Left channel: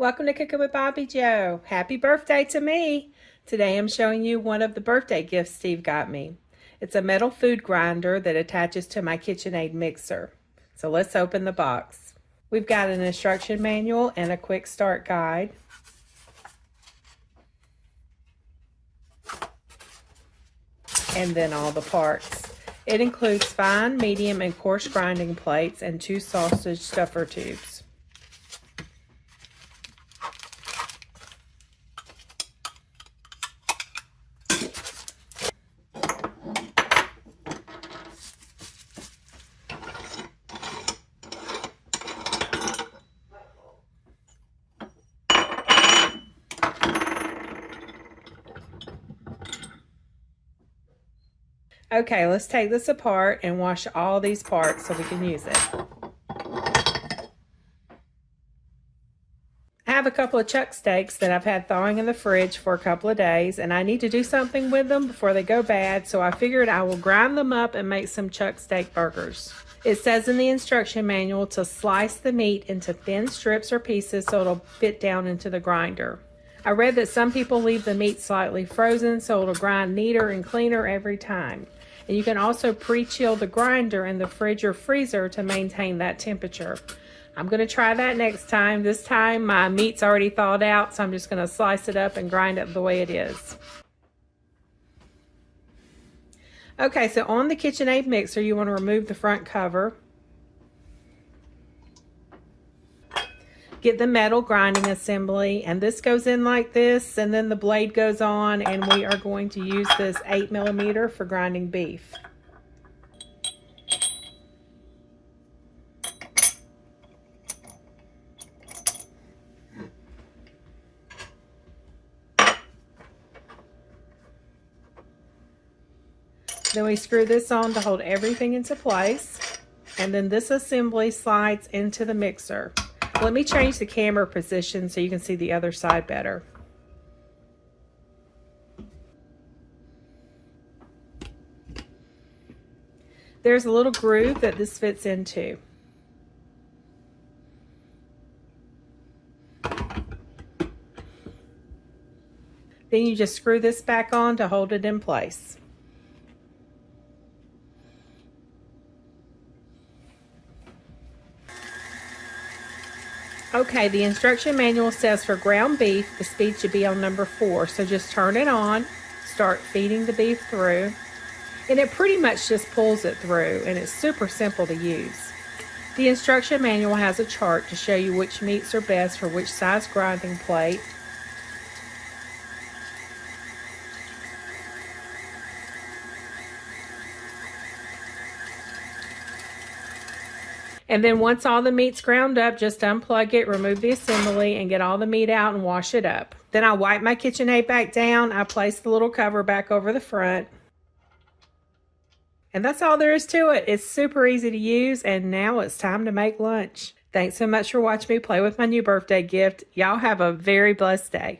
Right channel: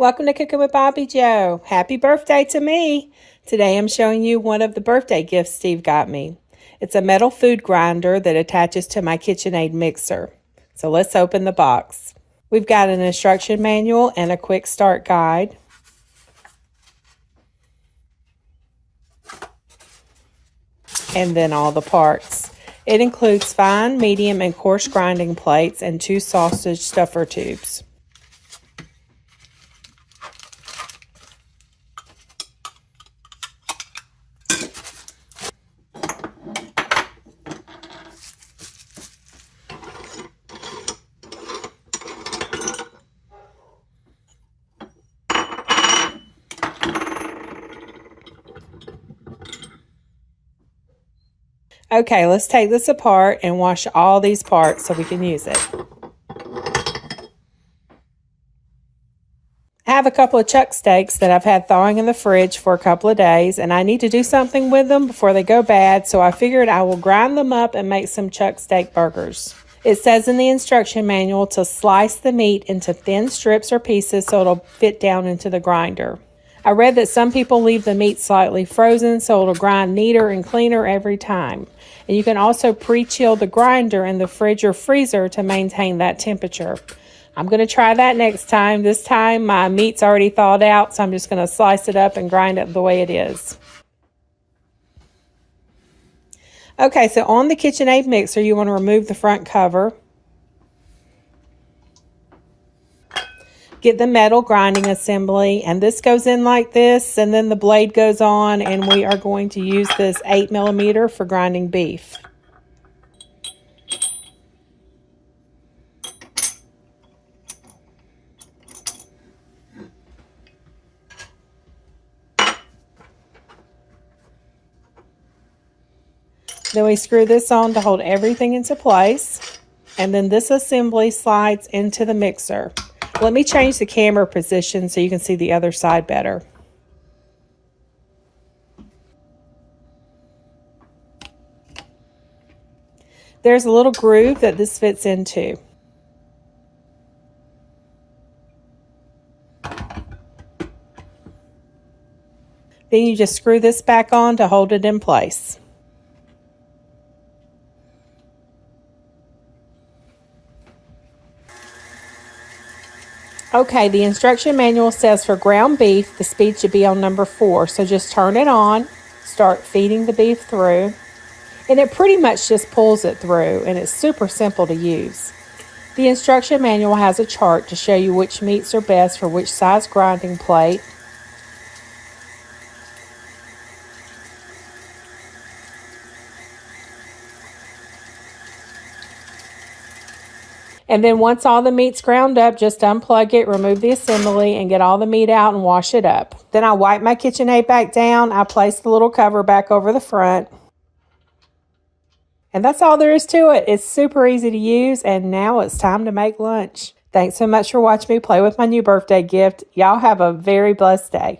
Welcome to Cooking with Bobby Joe. Happy birthday to me. Today I'm showing you one of the birthday gifts Steve got me. It's a metal food grinder that attaches to my KitchenAid mixer. So let's open the box. We've got an instruction manual and a quick start guide. And then all the parts. It includes fine, medium, and coarse grinding plates and 2 sausage stuffer tubes. Okay, let's take this apart and wash all these parts so we can use it. I have a couple of chuck steaks that I've had thawing in the fridge for a couple of days, and I need to do something with them before they go bad, so I figured I will grind them up and make some chuck steak burgers. It says in the instruction manual to slice the meat into thin strips or pieces so it'll fit down into the grinder. I read that some people leave the meat slightly frozen so it'll grind neater and cleaner every time. And you can also pre-chill the grinder in the fridge or freezer to maintain that temperature. I'm going to try that next time. This time my meat's already thawed out, so I'm just going to slice it up and grind it the way it is. Okay, so on the KitchenAid mixer, you want to remove the front cover. Get the metal grinding assembly, and this goes in like this, and then the blade goes on, and we are going to use this 8mm for grinding beef. Then we screw this on to hold everything into place, and then this assembly slides into the mixer. Let me change the camera position so you can see the other side better. There's a little groove that this fits into. Then you just screw this back on to hold it in place. Okay, the instruction manual says for ground beef, the speed should be on number 4. So just turn it on, start feeding the beef through, and it pretty much just pulls it through, and it's super simple to use. The instruction manual has a chart to show you which meats are best for which size grinding plate. And then once all the meat's ground up, just unplug it, remove the assembly, and get all the meat out and wash it up. Then I wipe my KitchenAid back down. I place the little cover back over the front. And that's all there is to it. It's super easy to use, and now it's time to make lunch. Thanks so much for watching me play with my new birthday gift. Y'all have a very blessed day.